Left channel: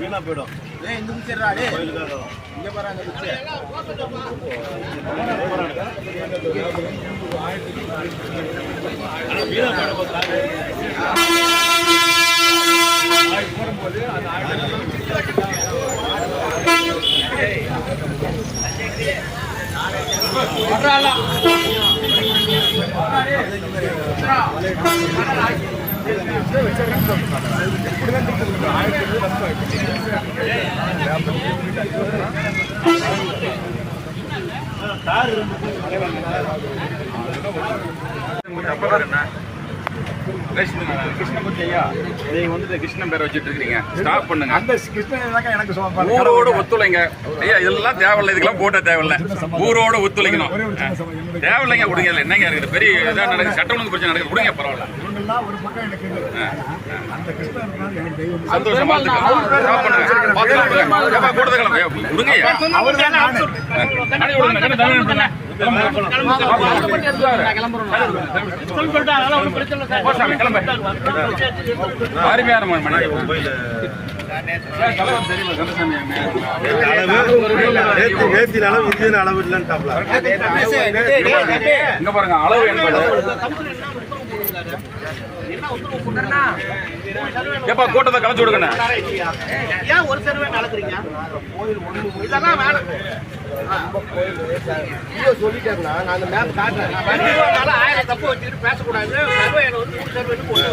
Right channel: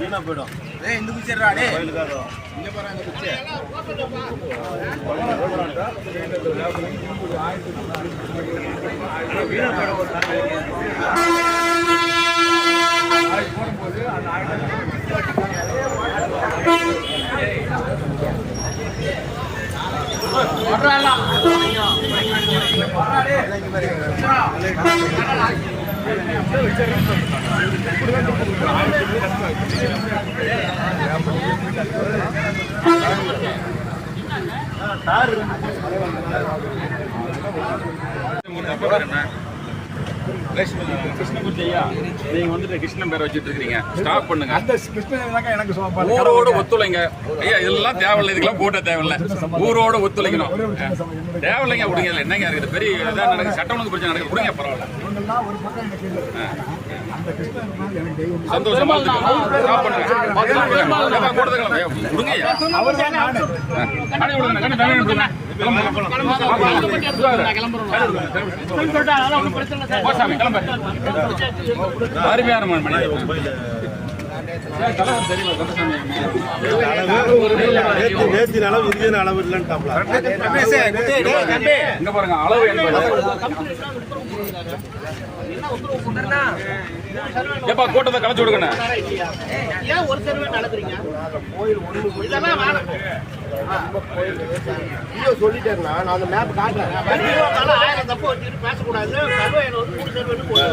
வீணா போயிடும். போடும்போது அந்த கிருஷ்ணமூர்த்தி ஐயா, நீங்க வந்துட்டு கிருஷ்ணன் பேரை வச்சுட்டு இருக்கீங்க, ஸ்டாப் பண்ணுங்க. அந்த கிருஷ்ணன் எனக்கு ஊரோட ஒத்துழைங்க ஐயா. இதெல்லாம் தேவையில்லை, இதுக்கெல்லாம் போட்ட தேவையில்லை. ஊரோட ஒத்துழைக்கணும். தேவையில்லைங்க, விடுங்க. என்னங்க இருக்குது, பெரிய சட்டம் ஒழுங்கு பிரச்சனை நடக்குது, விடுங்க, பரவாயில்ல. சந்தோஷமா ஸ்டாப் பண்ணுங்க, பாத்துக்கலாம். கூட்டத்தை கிளம்ப விடுங்க. அளவு இல்லைன்னு பாருங்க. அளவு என்பது எப்பா கூட்டத்தை கலைச்சு விடுங்க. ஒரு சர்வே நடக்குறீங்க சொல்லிட்டேன்னா நான் அந்த மேப் காட்டுறேன். 1000 தப்பு வச்சுக்கிட்டு பேசக்கூடாது. சர்வே வந்து 3 சர்வேன்னு போய்